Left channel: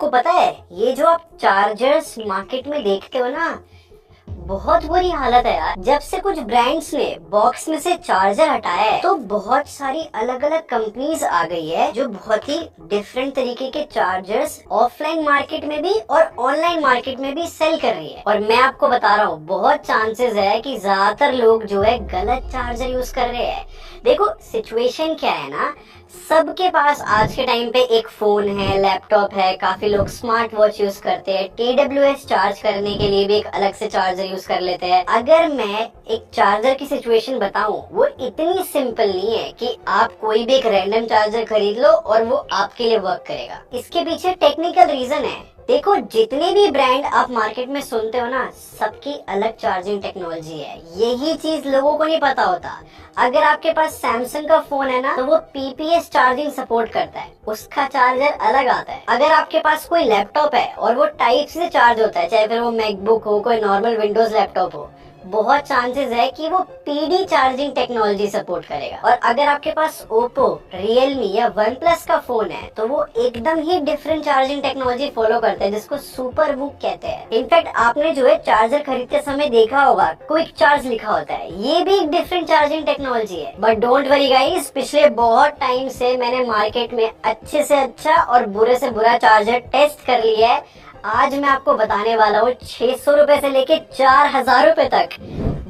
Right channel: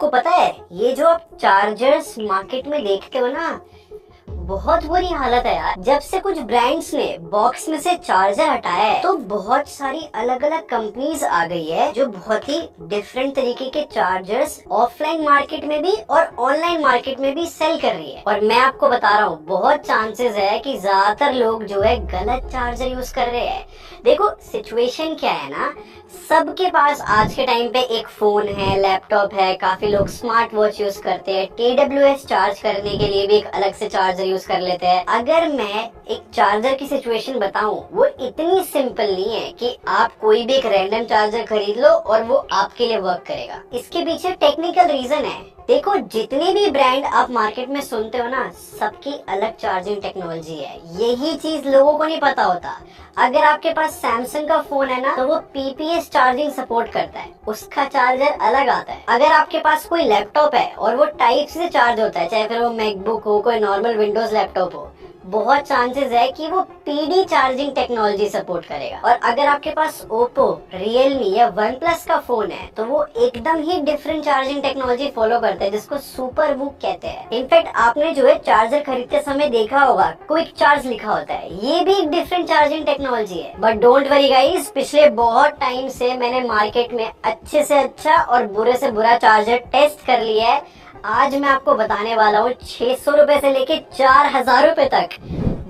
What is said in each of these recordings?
आपको पता है ये जो आप चार्जर्स मार्केट में देखते हो ना, बहुत बुरी हालत है यार। जब से कुछ ब्रांड्स ने बॉक्स में से चार्जर हटाया है तो बहुत सारी अलग अलग कंपनीज आ गई है जो बहुत ही डिफरेंट तरीके के चार्जर्स ऑफलाइन मार्केट में भी और ऑनलाइन मार्केट में भी सेल कर रही है। और मैं आपको बता रहा हूँ, बहुत चांसेस है कि ज्यादातर लोग जो है गलत चार्जर यूज कर रहे हैं। देखो सिचुएशन क्या है ना, सबके पास आज के टाइम पे एक फोन है, लैपटॉप है, काफी लोग स्मार्ट वॉच यूज करते हैं, TWS चार्ज करने के लिए भी एक अलग से चार्जर यूज कर लेते हैं। अगर मैं एक चार्जर की सिचुएशन बताऊं, वो इतनी सिंपल नहीं है कि आप कोई भी एक रैंडम चार्जर खरीद लो और वो आपके लिए वर्क करेगा। इसके पीछे टेक्निकल रीजन है। देखो जितने भी ब्रांड आप मार्केट में सुनते हो ना, सबकी अलग चार्जिंग टेक्नोलॉजी है। यही चीज लोगों को नहीं पता होता। अगर आपके पास सैमसंग का फोन है ना, तो वो PPS चार्जिंग सपोर्ट करता है, उसका चार्जर अलग आता है। अगर आपके पास कोई लैपटॉप है और वो टाइप से चार्ज होता है, चाहे फिर वो मैकबुक हो, कोई नॉर्मल विंडोज लैपटॉप हो, बहुत चांसेस है कि वो PD चार्जिंग टेक्नोलॉजी सपोर्ट करेगा। और अगर आपके पास ओप्पो, रियलमी या OnePlus का फोन है, तो वो एकदम ही डिफरेंट चार्जिंग टेक्नोलॉजी फॉलो करता है, जिसको सुपर वूक कहते हैं। इनफैक्ट आपने जो है चार्जर खरीदते समय देखा होगा, क्विक चार्ज लिखा होता है, ये भी एक डिफरेंट चार्जिंग टेक्नोलॉजी है। बट डोंट वरी गाइस, पिछले बहुत टाइम से मैंने मार्केट में अच्छे से अच्छा और बुरे से बुरा चार्जर टेस्ट कर लिया है। आज मैं आपको बताने वाला हूँ 600 रुपए से लेके 4000 रुपए तक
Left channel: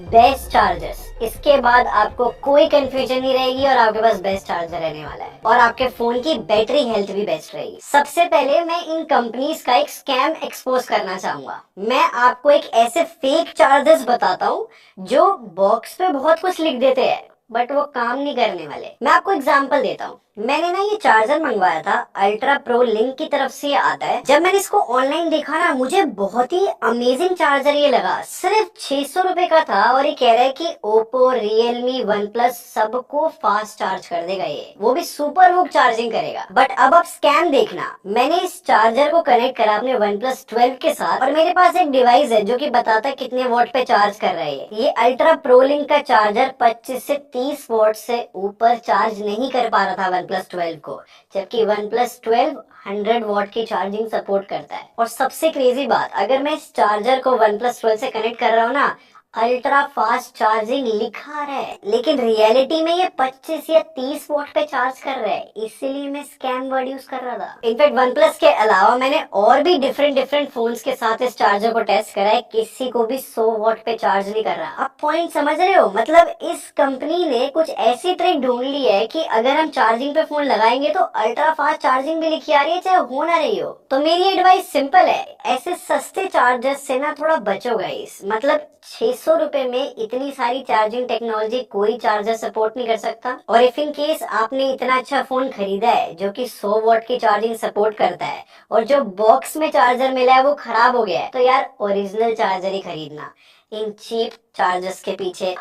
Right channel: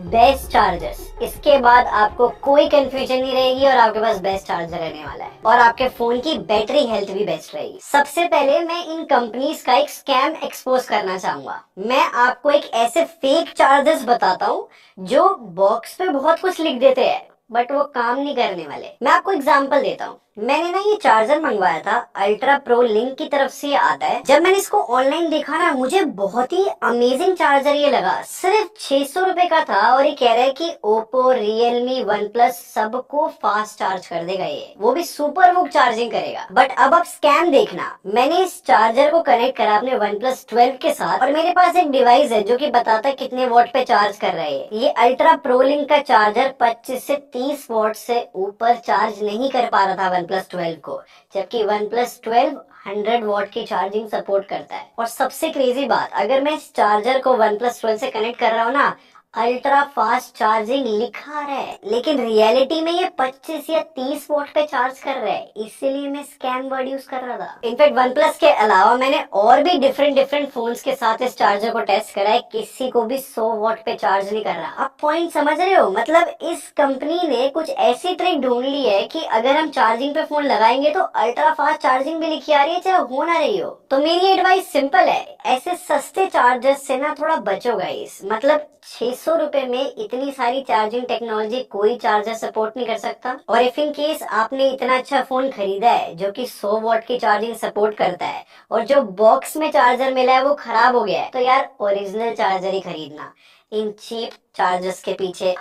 बेस्ट चार्जर्स। इसके बाद आपको कोई कंफ्यूजन नहीं रहेगी और आपके पास बेस्ट चार्जर रहने वाला है और आपके फोन की बैटरी हेल्थ भी बेस्ट रहेगी। सबसे पहले मैं इन कंपनीज का एक स्कैम एक्सपोज करना चाहूंगा। मैं आपको एक ऐसे फेक चार्जर्स बताता हूँ जो बॉक्स पे बहुत कुछ लिख देते हैं बट वो काम नहीं करने वाले। मैं आपको एग्जांपल देता हूँ। मैंने ना ये चार्जर मंगवाया था, अल्ट्रा प्रो लिंक की तरफ से ये आता है। जब मैंने इसको ऑनलाइन देखा ना, मुझे बहुत ही अमेजिंग चार्जर ये लगा। सिर्फ 600 रुपए का था और ये कह रहा है कि ओप्पो, रियलमी, OnePlus सबको फास्ट चार्ज कर देगा, ये वो भी सुपर वूक चार्जिंग करेगा। बट अब आप स्कैम देखना। मैंने इस चार्जर को कनेक्ट करा अपने OnePlus 12 के साथ और मेरे पास एक डिवाइस है जो कि बताता है कितने वॉट पे चार्ज कर रहा है। ये अल्ट्रा प्रो लिंक का चार्जर 25 से 30 वॉट से ऊपर चार्ज नहीं कर पा रहा था OnePlus 12 को, जबकि OnePlus 12 100 वॉट की चार्जिंग सपोर्ट करता है। और सबसे क्रेजी बात, अगर मैं इस चार्जर को OnePlus 12 से कनेक्ट कर रहा हूँ ना, अल्ट्रा फास्ट चार्जिंग लिखा रहा है, लेकिन रियलिटी में ये 25 या 30 वॉट पे चार्ज कर रहा है, इसीलिए मैं स्कैम वर्ड यूज कर रहा था। इनफैक्ट OnePlus के अलावा मैंने और भी डिफरेंट फोन्स के साथ इस चार्जर को टेस्ट करा है, किसी को भी 100 वॉट पे चार्ज नहीं कर रहा। आप पॉइंट समझ रहे हो? मतलब इस कंपनी ने कुछ ऐसी ट्रिक ढूंढ ली है कि अगर हम चार्जिंग पे फोन लगाएंगे तो अल्ट्रा फास्ट चार्जिंग भी लिखी आ रही है, चाहे हो ना रही हो। तो मेरी एडवाइस सिंपल है, ऐसे सस्ते चार्जर से ना थोड़ा बचो गाइस। मतलब 600 रुपए में इतनी सारी चार्जिंग टेक्नोलॉजी कोई चार्जर सपोर्ट नहीं कर सकता। और इफ इन केस आपने इतना अच्छा फोन खरीदा है जो कि 100 वॉट की चार्जिंग सपोर्ट करता है और जो बॉक्स में चार्जर मिला है वो खराब हो गया है, तो यार ओरिजिनल चार्जर ही खरीदना। इन चीप चार्जर्स के पीछे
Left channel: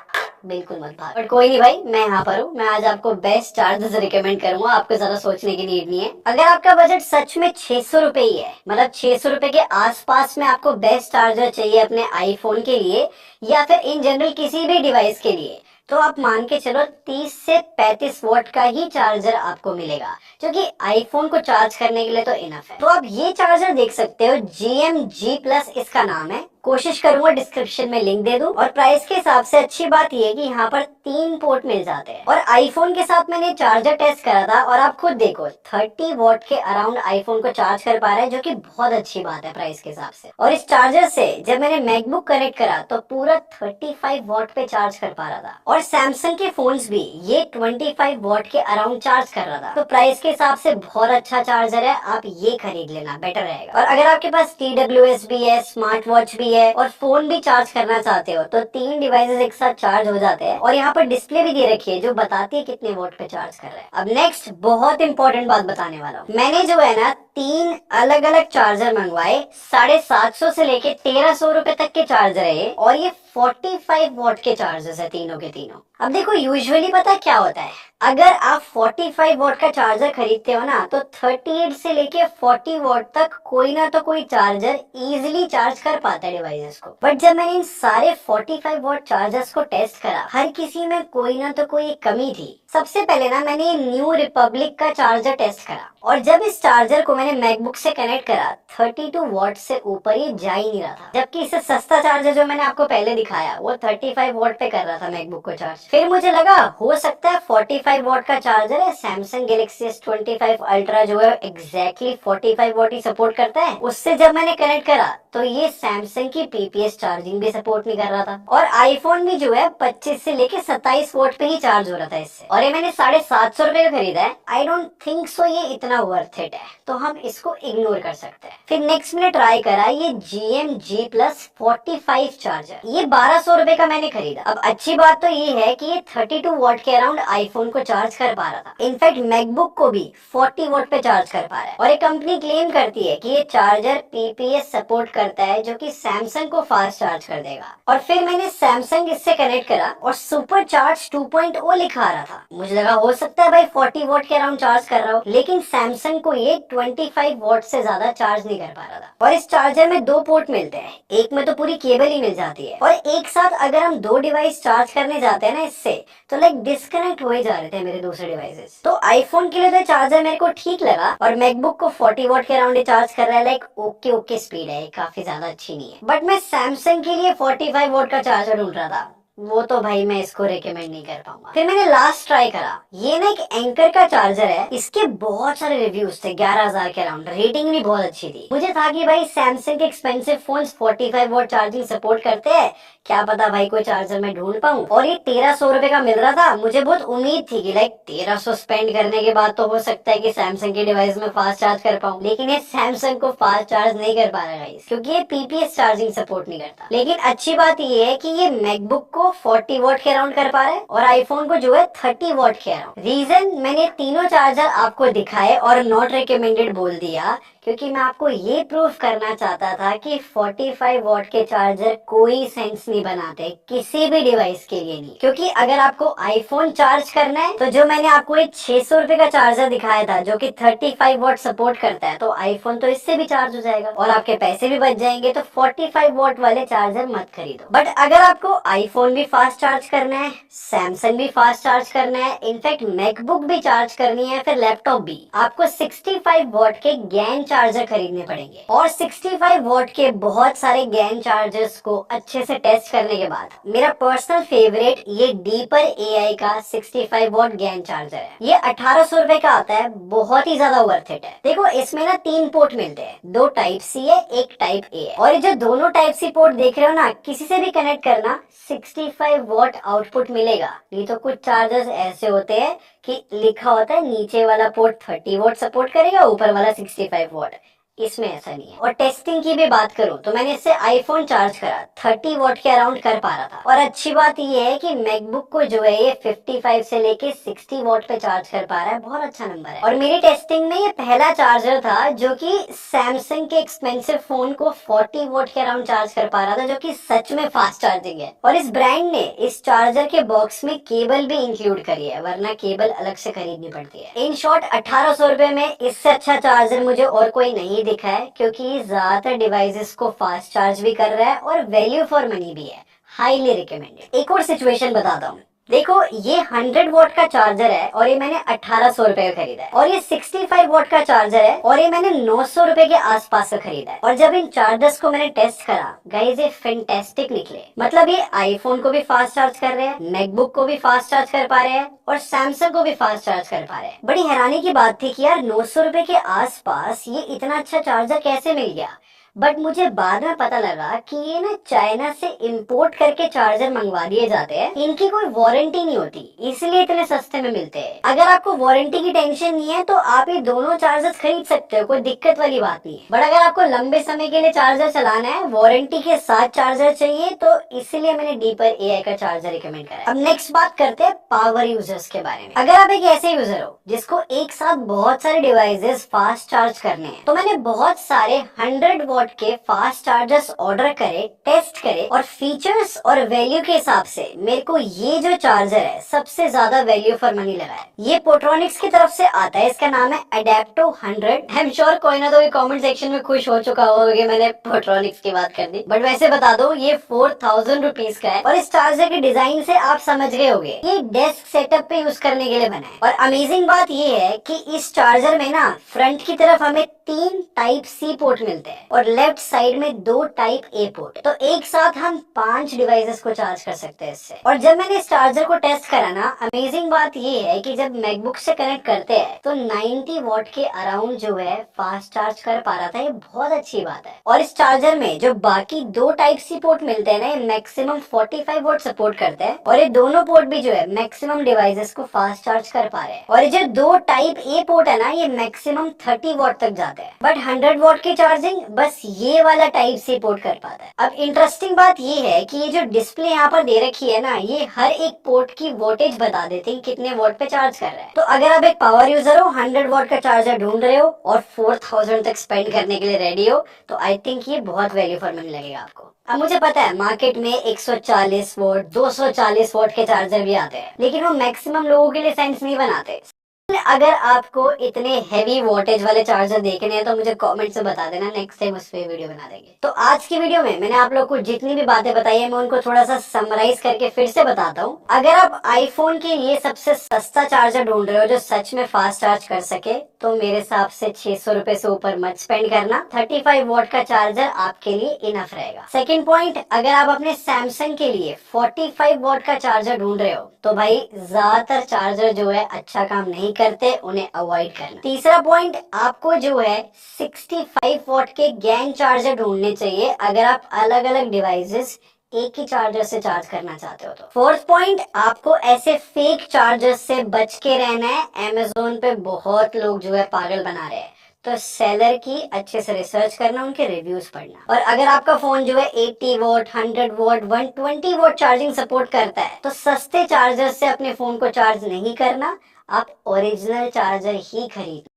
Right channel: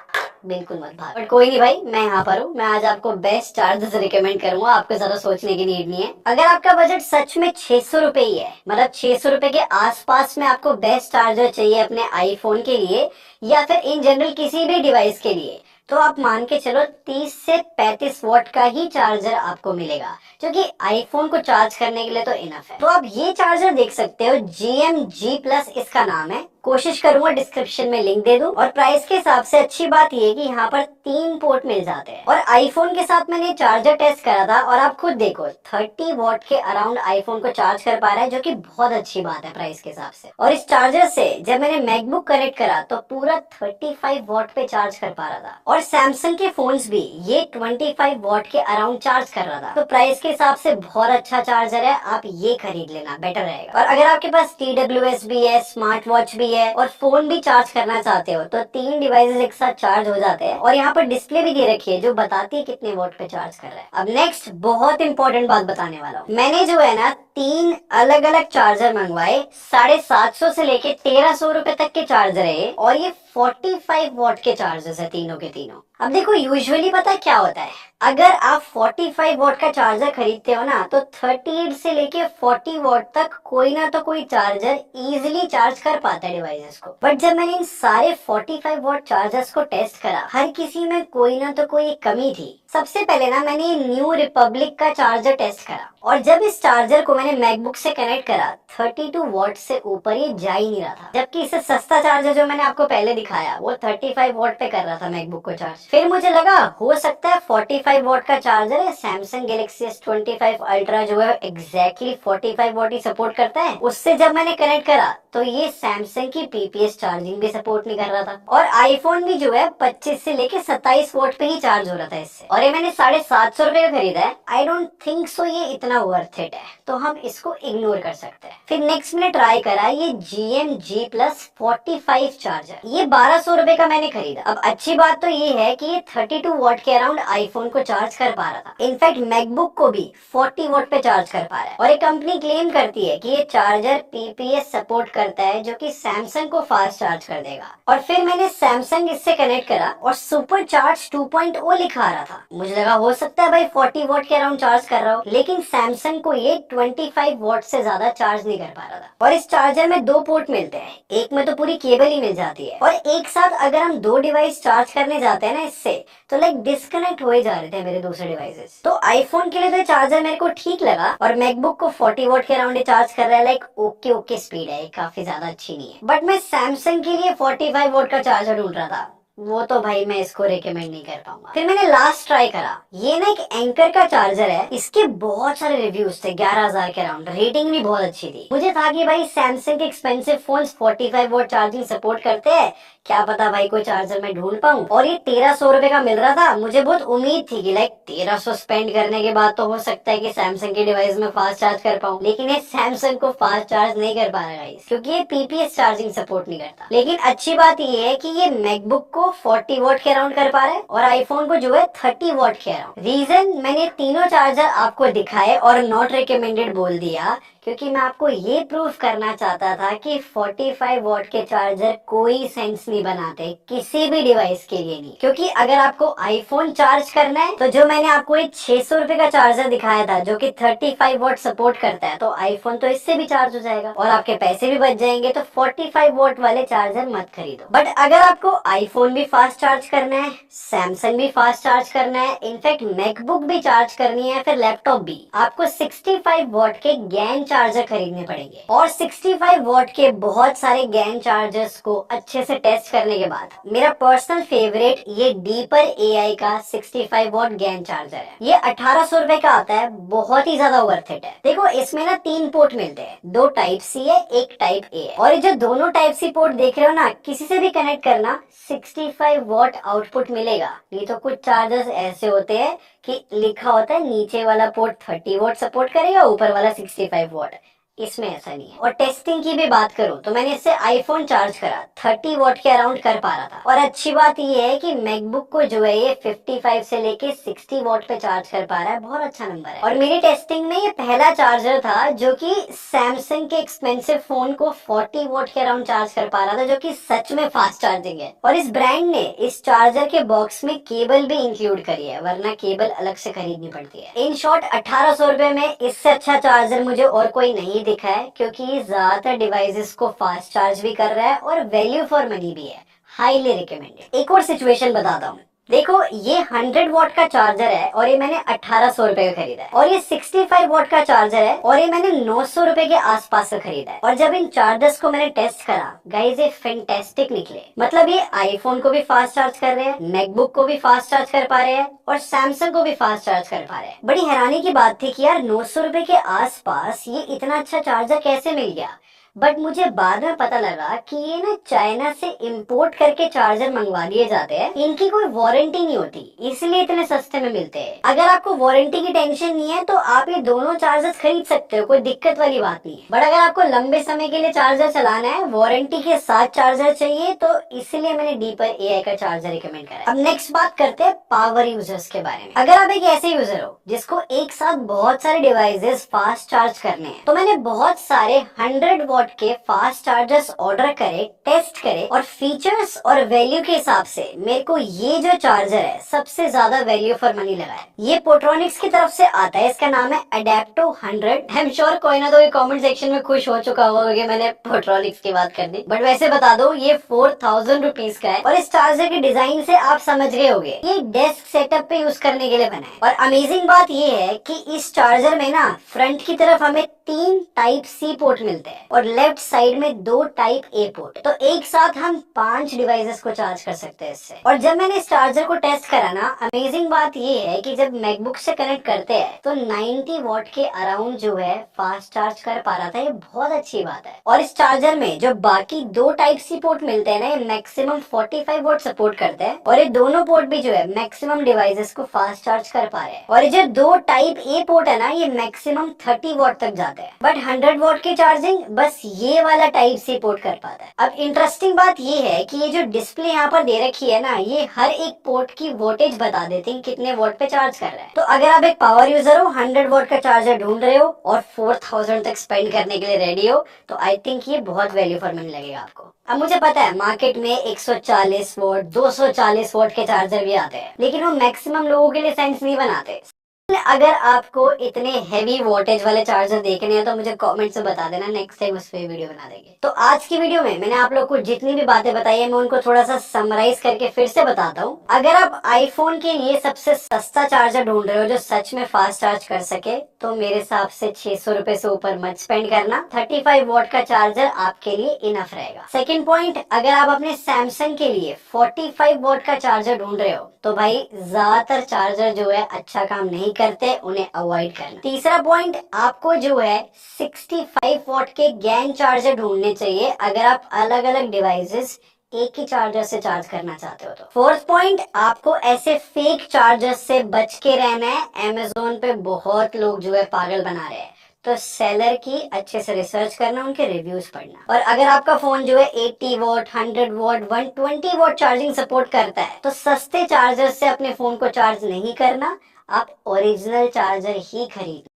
बिल्कुल मत भाग। बट कोई नहीं भाई, मैं यहाँ पर हूँ। मैं आज आपको बेस्ट चार्जर्स रिकमेंड करूंगा, आपको ज्यादा सोचने की नीड नहीं है। अगर आपका बजट सच में 600 रुपए ही है, मतलब 600 रुपए के आसपास में आपको बेस्ट चार्जर चाहिए अपने आईफोन के लिए या फिर इन जनरल किसी भी डिवाइस के लिए, तो आप मान के चलो 30 से 35 वॉट का ही चार्जर आपको मिलेगा, जो कि आईफोन को चार्ज करने के लिए तो इनफ है। तो आप ये चार्जर देख सकते हो, GMG+ इसका नाम है। कोशिश करूंगा डिस्क्रिप्शन में लिंक दे दूं। और प्राइस के हिसाब से अच्छी बात यह है कि यहाँ पर 3 पोर्ट मिल जाते हैं। और आईफोन के साथ मैंने चार्जर टेस्ट करा था और आप खुद देखो 30 वॉट के अराउंड आईफोन को चार्ज कर पा रहा है, जो कि बहुत अच्छी बात है प्राइस के हिसाब से। और इस चार्जर से जब मैंने मैकबुक कनेक्ट करा तो पूरा 35 वॉट पे चार्ज कर पा रहा था। और सैमसंग के फोन्स भी ये 25 वॉट के अराउंड चार्ज कर रहा था। तो प्राइस के हिसाब से बहुत अच्छा चार्जर है, आप ये खरीद लेना, बेटर रहेगा। और अगर आपके पास TWS भी है, स्मार्ट वॉच भी है और फोन भी चार्ज करना चाहते हो, तो 3 डिवाइसेस एक साथ चार्ज हो जाते हैं। और यहाँ पर डिस्प्ले भी दे रखी है जो बताती है कितने वोट पे चार्ज कर रहा है। अब नेक्स्ट बहुत इंपॉर्टेंट बात बताने वाला हूँ। मैंने जो है ना 3 अलग अलग चार्जर मंगवाए, 750 से लेके 1300 रुपए तक के चार्जर है और ये 45 वॉट के चार्जर्स है तीनों के तीनों। अब देखो यूजुअली पता है क्या होता है, अगर आप 45 वॉट का चार्जर खरीदते हो ना, तो 38 से लेके 40 वॉट तक कोई ना तो कोई चार्जर इजीली चार्ज कर पाता है डिवाइसेस को। बट जब मैंने इन सारे 45 वॉट चार्जर्स को टेस्ट करा, हर किसी में कोई ना तो कोई एक कमी थी। सबसे पहले ना मैंने ये न्यू रिपब्लिक का चार्जर टेस्ट करा, और जब इस चार्जर को मैंने मैकबुक से कनेक्ट करा 32 वॉट से ऊपर ये जा ही नहीं रहा था, जबकि इससे सस्ता चार्जर जो मैंने आपको पहले दिखाया वो 35 वॉट पे कर रहा था मैकबुक को चार्ज। फिर मुझे लगा हो सकता है 45 वॉट का चार्जर है, सैमसंग गैलेक्सी S25 अल्ट्रा जो है एग्जैक्टली 45 वॉट ही सपोर्ट करता है। उससे जब मैंने कनेक्ट करा तो ये सैमसंग की पीपीएस चार्जिंग भी सपोर्ट नहीं कर रहा था, और आईफोन भी जो है 25 से लेके 27 वॉट पे ही चार्ज हो रहा था इससे, और ये मैंने 750 रुपए का खरीदा है। आई डोंट थिंक सो ये इतना वर्थ इट है, तो हम इसको इग्नोर कर सकते हैं। फिर नेक्स्ट मैंने ट्राई करा ये GM-G Plus 45 चार्जर, ये 1200 रुपए का मैंने खरीदा। अब अच्छी बात तो ये है कि ये 32 वॉट के अराउंड आईफोन को चार्ज कर पा रहा था, इनफैक्ट मैकबुक को भी 40 वॉट पे चार्ज कर पा रहा है, और एक कंपनी क्लेम करती है कि ये चार्जर पीपीएस सपोर्ट करता है जो कि सैमसंग को फास्ट चार्ज कर देगा। और फिर मैंने सैमसंग इससे कनेक्ट करा और सुपर चार्ज 2.0 लिखा आ रहा था। मुझे लगा हो सकता है भाई 40 वॉट के अराउंड चार्ज कर रहा हो, लेकिन सैमसंग को ये 25 वॉट से ज्यादा चार्ज नहीं कर पा रहा था। और इस चार्जर में 2 पोर्ट मिलते हैं, एक में तो पूरी केबल ही मिल जाती है, और एक साथ अगर हम 2 डिवाइस चार्ज करने जाते हैं ना इससे, तो लाइक डिस्कनेक्ट हो ही जा रहे थे मेरे दूसरे डिवाइसेस। तो आईफोन के लिए तो चार्जर मेरे को ठीक लगा, और मैकबुक को 40 वॉट के अराउंड चार्ज कर रहा है, लाइक ओके स्पीड है, काफी ज्यादा अच्छी नहीं है। बट मैं सैमसंग के लिए 45 वॉट का चार्जर ढूंढ रहा था, वो तो भाई मैं इसको रेकमेंड नहीं कर पाऊंगा। फिर मैंने लास्ट ट्राई करा, ये ना एक एंकर का चार्जर है, इसके बहुत सारे रिव्यूज थे 11,000 के अराउंड, रेटिंग भी बहुत अच्छी थी। मुझे था कि भाई सैमसंग के expensive phones 45 watt charging support करते हैं, क्या पता भाई कोई चार्जर मैं ढूंढ पाऊं, और ये 1300 रुपए का मिल रहा था। मुझे बहुत उम्मीद थी कि लाइक 1300 स्पेंड करने के बाद तो हो सकता है कि सैमसंग के डिवाइस में फास्ट चार्ज कर पाऊं, लेकिन ये सैमसंग को फास्ट चार्ज नहीं कर पा रहा है क्योंकि ये पीपीएस चार्जिंग सपोर्ट नहीं करता। लेकिन अच्छी बात ये है कि ये मैकबुक को 40 वॉट के अराउंड कर पा रहा है, और आईफोन को जो है 30 वॉट के अराउंड। रीजन मैंने तीनों चार्जर आपको दिखाए और नॉट रिकमेंडेड बोल दिया, क्योंकि मैं आपको ये प्रूफ करना चाहता था कि 45 वॉट के चार्जर कोई सेंस नहीं बनाते किसी भी डिवाइस के लिए नहीं। क्योंकि अगर आपको आईफोन चार्ज करना है तो जो मैंने आपको एक 600 रुपए का चार्जर दिखाया था जो कि 35 वॉट सपोर्ट करता है, तो आईफोन तो इससे भी चार्ज हो जाएगा और आपके पैसे भी बच जाएंगे। तो 45 वॉट वाले चार्जर मत खरीदो। बट अगर आपको आईफोन भी फास्ट चार्ज करना है, सैमसंग भी फास्ट चार्ज करना है, इनफैक्ट मैकबुक भी चार्ज करनी है, फिर लैपटॉप भी, आपको 65 वॉट के गैन चार्जर खरीदने पड़ेंगे। और 65 वॉट के बहुत सारे गैन चार्जर्स को अच्छे से टेस्ट करने के बाद मेरा पर्सनल फेवरेट ये डीपर एआई का 65 वॉट गैन चार्जर है। ये 1800 रुपए का आता है, बहुत ही ज्यादा वर्थ इट है। देखो इसमें ना 3 पोर्ट मिलते हैं, 2 टाइप सी है, 1 टाइप ए है, और ये जो दोनों टाइप सी पोर्ट देख रहे हो ना, किसी से भी कनेक्ट करना 65 वॉट आउटपुट मिलेगा। नहीं तो कुछ चार्जर्स ऐसे होते हैं कि लिखा होता है नीचे वाला पोर्ट 30 वॉट सपोर्ट करेगा, ऊपर वाला 65 वॉट। इसमें ऐसा नहीं है। और टेस्टिंग की भी बात करूं तो मैंने इससे आईफोन चार्ज करा, 30 वॉट के अराउंड कर पा रहा था। और अच्छी बात ये है कि मैकबुक को जो है ये 55 से लेके 60 वॉट पे चार्ज कर पा रहा है, बहुत अच्छा नंबर है। और मेरी टेस्टिंग में ये पहला चार्जर था जो कि सैमसंग के एक्सपेंसिव फोन को 40 वॉट के अराउंड चार्ज कर पा रहा था, जो कि सच में फास्ट चार्जिंग है। और इस ब्रांड ने इस चार्जर के बॉक्स में केबल भी इंक्लूड करी है, वरना केबल अलग से खरीदनी पड़ती है। इन शॉर्ट 1800 रुपए में इससे अच्छा चार्जर मुझे और कोई नहीं दिखा है, क्योंकि ज्यादातर डिवाइसेस को फास्ट चार्ज भी कर रहा है और वैल्यू फॉर मनी भी है। Highly recommended. एक और सिचुएशन बताता हूँ। देखो ये 100 वॉट का चार्जर है और ये मैंने 1800 रुपए का खरीदा है, और ये 65 वॉट का चार्जर है और ये मैंने 900 रुपए के आसपास का खरीदा है। और जब इन चार्जर्स को मैंने टेस्ट करा गाइस, ये फैंटास्टिक निकले। मतलब ये आईफोन को भी फास्ट चार्ज कर रहे हैं, मैकबुक को भी फास्ट चार्ज कर पा रहे हैं, और सैमसंग को भी फास्ट चार्ज कर पा रहे हैं। बड़ी हैरानी की बात थी कि यार 900 रुपए के आसपास ये इतना अच्छा चार्जर कैसे मिल गया। बट मुझे बाद में पता लगा कि ये ना चाइना से इंपोर्ट करके चार्जर मंगवा दिए जाते हैं, इनकी कोई वारंटी नहीं होती, इसलिए इतने सस्ते में मिलते हैं। अगर आपको वारंटी की टेंशन नहीं है तो आप ये दोनों चार्जर्स खरीद सकते हो, कोई दिक्कत वाली बात नहीं है। बट अगर आपको लंबे समय के लिए चार्जर चलाना है, वारंटी के साथ चार्जर चाहिए, तो इसलिए मैंने डीपर एआई का चार्जर रिकमेंड करा। अब नेक्स्ट बात करते हैं पावर यूजर्स के बारे में। अगर आप एक ऐसे यूजर हो जिसको एक साथ बहुत सारे डिवाइसेस फास्ट चार्ज करने हैं, तो मैंने बहुत सारे 100 वॉट वॉट के फास्ट चार्जर्स ऑर्डर करे, टेस्ट करे और फीचर्स और वैल्यू के हिसाब से मेरे को ये जो चार्जर है सबसे ज्यादा वैल्यू फॉर मनी लगा है। ये पोट्रॉनिक्स की तरफ से आता है, इसका नाम है अडेप्टो 100। आई एम श्योर कोई ना तो कमेंट सेक्शन में खुश हो चुका होगा कि मैंने पोट्रॉनिक्स की बात कर दी, बट वैसे बता दो ये 4000 रुपीज का है। और इस चार्जर के डिजाइन से आप समझ गए होंगे ये डेस्क सेटअप पे यूज करने के लिए बना है। और अमेजिंग बात ये है कि इस चार्जर में ना फ्रंट की तरफ हमें 3 टाइप सी पोर्ट मिलते हैं और लेफ्ट साइड में 2 टाइप ए पोर्ट। तो एक साथ हम 5 डिवाइसेस को चार्ज कर सकते हैं इससे। और जब मैंने इस चार्जर को टेस्ट करा ना, अमेजिंग बात ये है कि जब मैकबुक से कनेक्ट करते हैं तो 90 वॉट के अराउंड जो है फास्ट चार्ज कर पा रहा था। ये बहुत अच्छी बात है। और इस चार्जर में जो बाकी 2 टाइप सी पोर्ट मिलते हैं ना, ये मैक्सिमम 45 वॉट सपोर्ट करते हैं और ये दोनों पोर्ट भी जो है मैक्सिमम डिवाइसेस को फास्ट चार्ज कर पा रहे हैं। और ये जो 2 टाइप ए पोर्ट है ना, ये मैक्सिमम 30 वॉट तक जाते हैं, बट 100 वॉट की चार्जिंग बस ये वाला टाइप सी पोर्ट कर पाता है। अब इंटरेस्टिंग बात ये है कि ये जो डिस्प्ले यहाँ पर दे रखी है ना, ये हर एक पोर्ट की वोल्टेज बता देती है कितने वॉट पे चार्ज कर रहा है। तो अगर आप एक पावर यूजर हो, 100 वॉट का चार्जर ढूंढ रहे हो और 4000 तक स्पेंड करने के लिए रेडी हो, तो आई थिंक ये बहुत वैल्यू फॉर मनी लगेगा आपको। अब मुझे पता है मार्केट में 140 वॉट 240 वॉट के चार्जर भी आते हैं, लेकिन वो मैक्सिमम लोगों के लिए सेंस नहीं बनाते। अगर आपको इतने हैवी वोल्टेज वाले चार्जर देखने हैं तो मुझे कमेंट से बता देना, नेक्स्ट टाइम उस पे वीडियो बना देंगे। तो आज की वीडियो में मैंने आप लोग को जितनी भी बातें बताई है मैं उनको थोड़ा सा समराइज करके फिर से बताता हूँ। अगर आप आईफोन के लिए सबसे सस्ता चार्जर ढूंढ रहे हो जो सच में फास्ट चार्ज कर सके, तो मेरे हिसाब से 600 रुपए से ऊपर मत स्पेंड करना। 35 वॉट का चार्जर आपके लिए इनफ रहेगा। सेकेंड पॉइंट, अगर आप अपने सैमसंग के लिए 45 वॉट का चार्जर ढूंढ रहे हो तो भाई ज्यादातर चार्जर जो है अच्छा काम नहीं करते, उन्हें अवॉइड करना। तीसरा पॉइंट, आपको जो है 65 वॉट के गैंग चार्जर ढूंढने चाहिए अगर आप अलग अलग डिवाइसेस एक ही चार्जर से चार्ज करना चाहते हो तो। फोर्थ पॉइंट, आपको ऐसे फेक चार्जर से बच के रहना है। अमेज़न पे बहुत लोग जो है पागल बना रहे हैं, तो सेलर की अच्छे से रिसर्च करना, उनके रिव्यूज पढ़ना। और अगर आपका फोन जो है 80 what 100 what 120 watt charging support करता है तो सस्ते चार्जर से अपने फोन को चार्ज नहीं करना, आप ओरिजिनल चार्जर ही खरीदना,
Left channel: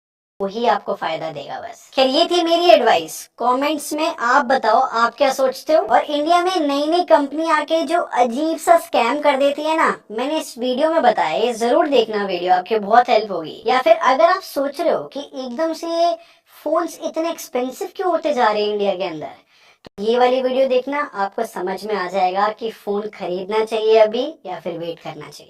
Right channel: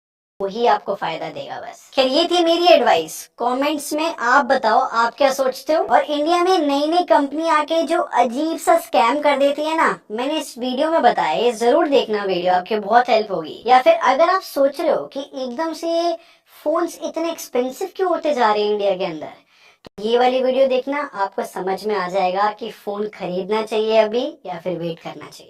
वही आपको फायदा देगा बस। खैर ये थी मेरी एडवाइस। कमेंट्स में आप बताओ आप क्या सोचते हो। और इंडिया में नई नई कंपनी आके जो अजीब सा स्कैम कर देती है ना, मैंने इस वीडियो में बताया, ये जरूर देखना वीडियो, आपकी बहुत हेल्प होगी। या फिर अगर आप सोच रहे हो कि एकदम से ये फोन्स इतने एक्सपेंसिव क्यों होते जा रहे हैं इंडिया के अंदर, तो ये वाली वीडियो देखना, आपको समझ में आ जाएगा कि फोन खरीदना चाहिए अभी या फिर वेट करना चाहिए।